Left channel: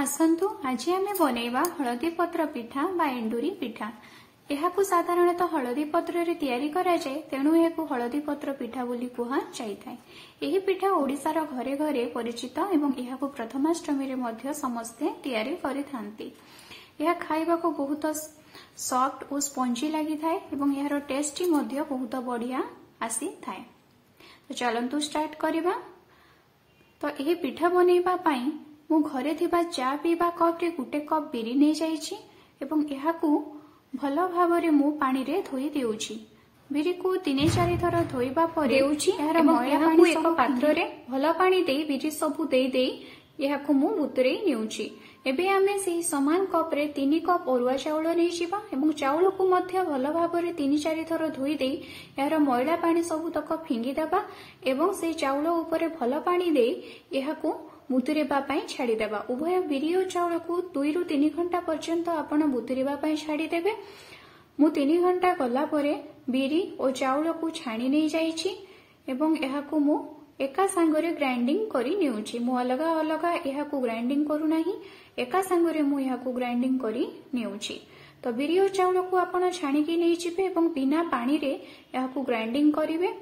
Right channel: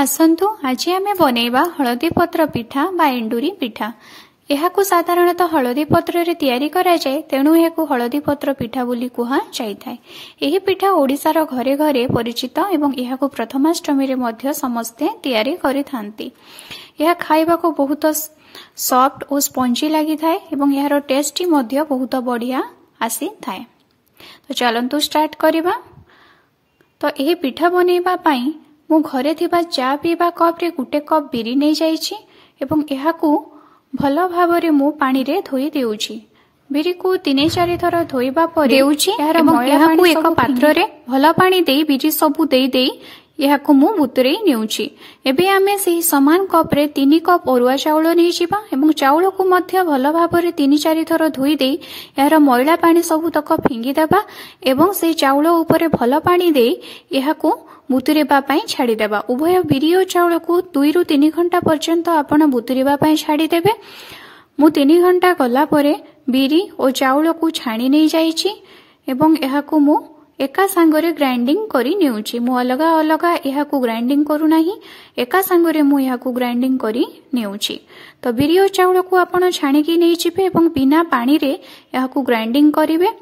आसतु आज आम बनैबा हलदी पत्र पिठा बा एंडुरी पिठा। यहाकू साधारणतः हलदी पत्र रे तैयारी करा जाए, तेणु यहाकू हलदी पत्र पिठा बोली कुहा जाइथाय। एही पिठा ओडिशार घरे घरे परिचित एवं यहाकू प्रथमाष्टमी रे मध्य समस्ते तैयारी करिथांती। यह खाइबा को बहुत सॉफ्ट और स्पंजी लगी थाए एवं यार टेस्ट मध्य बहुत बढ़िया आसी थाए। तो चलंतु स्टार्ट करिबा। तो यही पिठा बनैबा पाई मु घरे थिबा चा पीबा कप रे गुटे कप बिरी नै जाइछि एवं यहाकू भलो भाबरे मु पानी रे धोई देउछि। बिरी को 3-4 थर धोइबा परे देउछि। यार मैला पानी एक पात्र रे भलो पानी देई बिरी सबु देई देई यहाकू मु बुतरे नेउछि। एबे आमे सेही समान कप रे 3 कप अरुआ चाउल नै जिबा एवं चाउल को मध्य भलो भाबरे 3-4 थर धोई देई यार मैला पानी सबु तक फिंगी देबा एवं से चाउल ऊपर भलो पानी देई यहाकू बुतुरेबा पाई छाड़ी देबा। उभय बिरी और चाउल को 2 ରୁ 3 घंटा पर्यंत आपण बुतुरेबा पाई छाड़ी देबे। मु 3 घंटा गला परे बिरी और चाउल को छाणी नै जाइछि एवं यहाकू मु एका सांगरे ग्राइंडिंग करी नेउछि। मु अलगा अलगा यहाकू ग्राइंडिंग करू नाही, एका सांगरे मु यहाकू ग्राइंडिंग करी नेउछि। तो बिरी और चाउल को आपण छाणी की नै छिबे एवं बिना पानी रे यहाकू ग्राइंडिंग करिवे।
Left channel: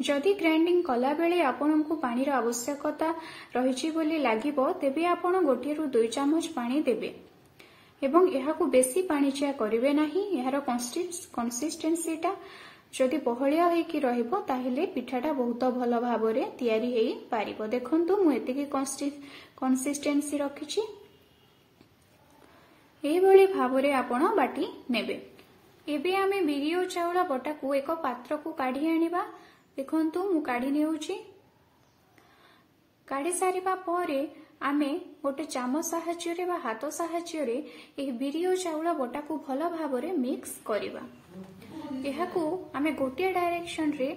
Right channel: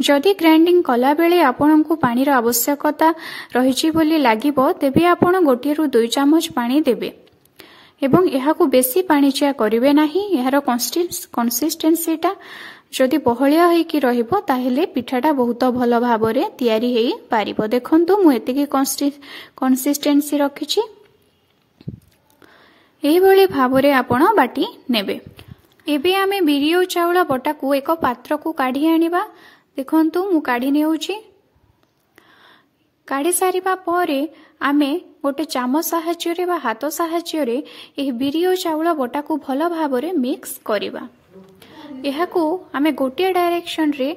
जदि ग्राइंडिंग कला बेले आपन को पानी रा आवश्यकता रहिछि बोली लागिबो, तेबे आपण 1 ରୁ 2 चामच पानी देबे एवं यहाकू बेसी पानी चिया करिवे नाही। यार कंसिस्टेंसीटा जदि बहलिया होई कि रहिबो ताहेले पिठाटा बहुत भलो भाबरे तयारी हेई पारिबो। देखंतु मु एतिकी कंसिस्टेंसी रखिछि। एही भली भाबरे आपण बाटी नेबे। एबे आमे बिरी और चाउल बटा को एक पात्र को काढी आनिबा। देखंतु मु काढी नेउछि। काढी सारिबा परे आमे गोटे चामच साहाय्य रे बा हाथ साहाय्य रे एही बिरी और चाउल बटा को भलो भाबरे मिक्स करिबा। यहाकू आमे गोटे डायरेक्शन रे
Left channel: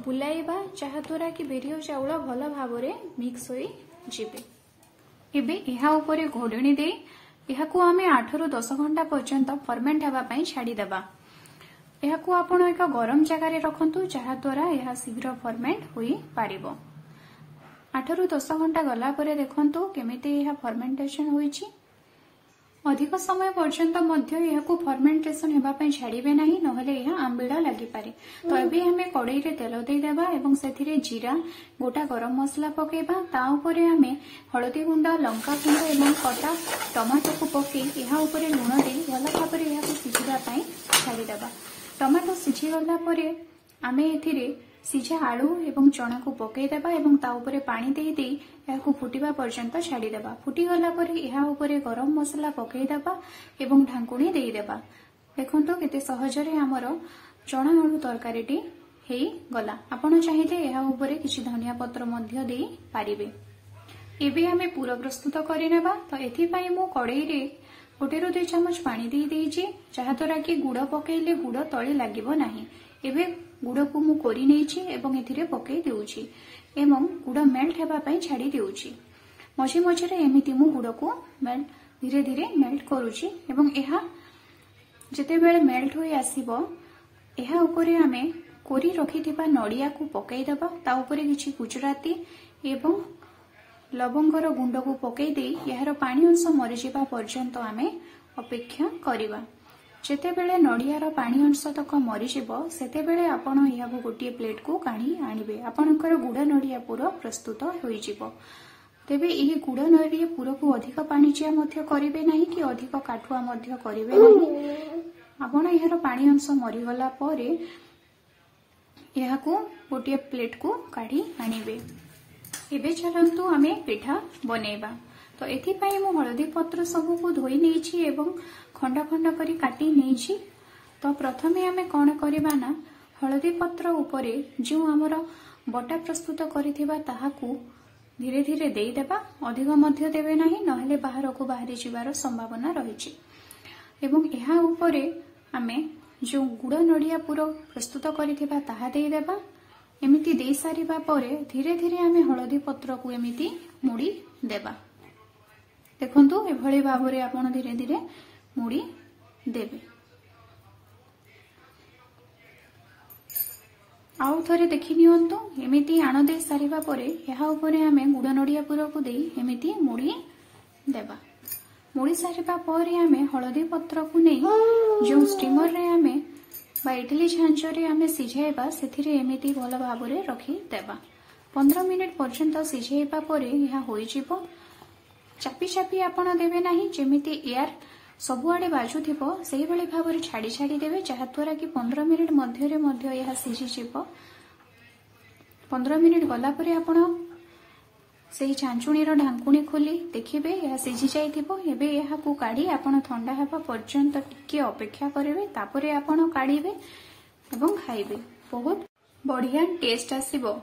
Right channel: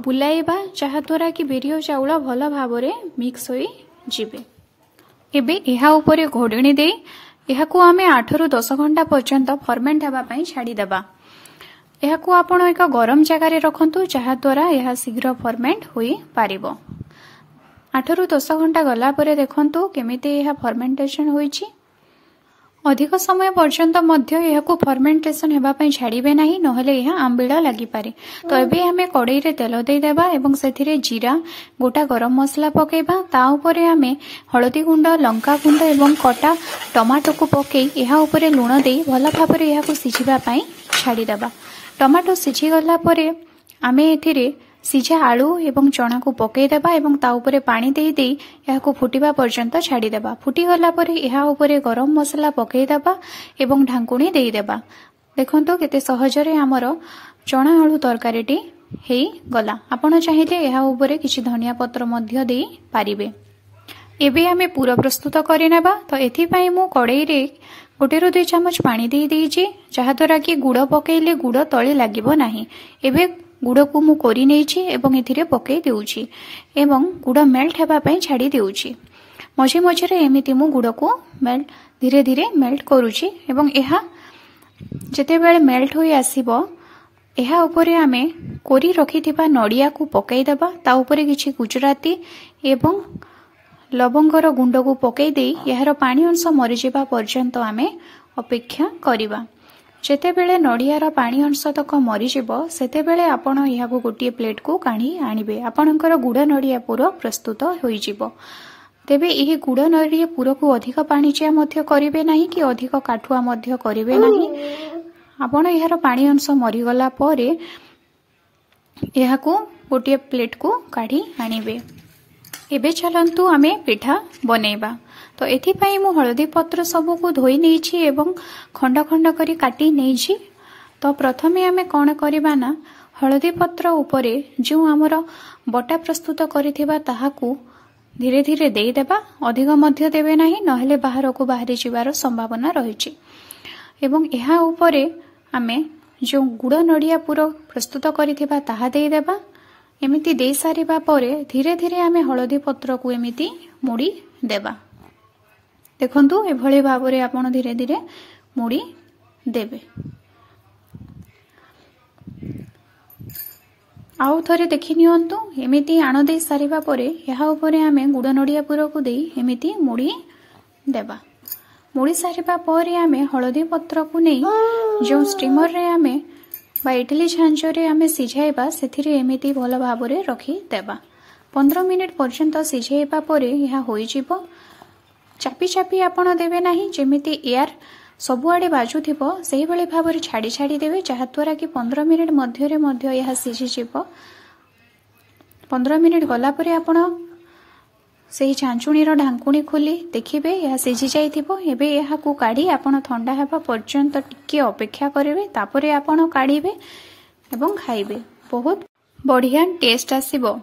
बुलाइबा, जहा द्वारा कि बिरी और चाउल भलो भाबरे मिक्स होई जिबे। एबे एहा ऊपर घोडणी दे यहाकू आमे 8 ରୁ 10 घंटा पर्यंत फर्मेंट हेबा पई छाडी देबा। यहाकू आपण एक गरम जगह रे रखंतु, जहा द्वारा यहा शीघ्र फर्मेंट होई पारिबो। 8 ରୁ 10 घंटा गला परे देखंतु केमिति यहा फर्मेंटेशन होईछि। अधिक समय पर्यंत मध्य यहाकू फर्मेंटेशन हेबा पई छाडीबे नाही, नहले यहा आंबिळा लागि पारे। तो एबे हमें कड़ाई रे तेल देई देबा एवं सेथिरे जीरा, गोटा गरम मसला पकेबा। ता ऊपरे हमें हळदी गुंड, लंका गुंड एवं कटा टमाटो को पकेई यहा ऊपरे लूण देई भलो भाबरे यहाकू सिझिबा पई छाडी देबा। टमाटो सिझी गला परे आमे एथिरे सिझा आलू एवं चना को पकेई देबा एवं ता ऊपरे पानी देई देई यहाकू फुटिबा पर्यंत छाडी देबा। फुटी गला परे यहा ऊपरे गरम मसला पकेई देबा एवं ढांकुणी देई देबा। देखंतो केते सहज रे हमर चना आलू तरकारीटी हेई गला। आपण चाहिले यहा ऊपरे किछि धनिया पत्र मध्य देई पारिबे। एबे आमे पूरा प्रस्तुत करि नेबा। तो एथि पई मु कड़ाई रे 1 ରୁ 2 चामच पानी देई देइछि, जहा द्वारा कि गुड़ पकेइले गुड़ तळे लागिबो नाही। एबे गुड़ को मु कोरी नेइछि एवं एथिरे पकेई देउछि एवं गुड़ मेल्ट हेबा पई छाडी देउछि। मझे मझे रे एमिति मु गुड़ को मेल्ट धीरे धीरे मेल्ट करूछि एवं एहा जेते बेले मेल्ट होई आसीबो एहा ऊपरे आमे कोरी रखिथिबा नडिया को पकेई देबा। ता ऊपरे किछि गुजराती एवं लवंगर गुंड को पकेई देई यार पानी अंश मरि जेबा पर्यंत आमे अपेक्षा करिबा। जेते बेले नडियार पानी अंश तक मरि जेबो सेते बेले आपण यहाकू गोटिए प्लेट को काढी आनिबे। आपणकर गुड़ नडिया पूरा प्रस्तुत होई जिवो। तेबे एही गुड़ नडिया पूरा को अधिक पानी चिया मध्य करिवे नाही कि अधिक काठुआ मध्य करिवे नाही। आपण यार पानी अंश मरि गला परे यहाकू गोटिए प्लेट को काढी आनिबे। एबे चलंतु आमे पिठा बनैबा। तो एथि पई मु हळदी पत्र सबु को धोई नेछि एवं खंड खंड करी काटी नेछि। तो प्रथमे आमे कोन करिबा ना, हळदी पत्र ऊपरे जो हमर बटा प्रस्तुत करिथिबा ताहाकू धीरे धीरे देई देबा। अधिक मध्य देबे नाही, नहले बाहर को बाहरी जिवार संभावना रहिछि। एवं एहा ऊपरे आमे जो गुड़ नडिया पूरा प्रस्तुत करिथिबा ताहा देई देबा। एमिति देई सारिबा परे धीरे धीरे आमे हळदी पत्र को एमिति मुड़ी देबा। देखंतु एभଳି भाबरे आपण धीरे धीरे मुड़ी देबे। आउ थरे देखि नियंतु एमिति आण दे सारिबा परे यहा ऊपरे आमे गुड़ नडिया पूरा को देई एमिति मुड़ी देबा। मोड़ी सारिबा परे आमे हळदी पत्र को नै जो स्टीमर रे आमे बा इडली झांझ रे आमे सिझाइबा सेथिरे एमिति भल भाबरे रखी देबा। 15 मिनिट पर्यंत सिझाइबा परे यह होई जिवो। चापी चापी आपण देबे नाही, जेमिति एयर सबुआडे बाजुथिबो सेही भली भाबरे छाडी छाडी देबे, जहा द्वारा कि 15 मिनिट मध्य रे मध्य यह सिझी जिवो। 15 मिनिट गला परे आपण सेही छांचुणी रो ढांकुणी खोली देखिबे यह सिझी जाइथिबो। एबे यहा को काढी आपण ठंडा हेबा पर्यंत टिके अपेक्षा करिवे, तापरे आपण काढिबे एवं खाइबे। बहुत बढ़िया टेस्ट आसीबो।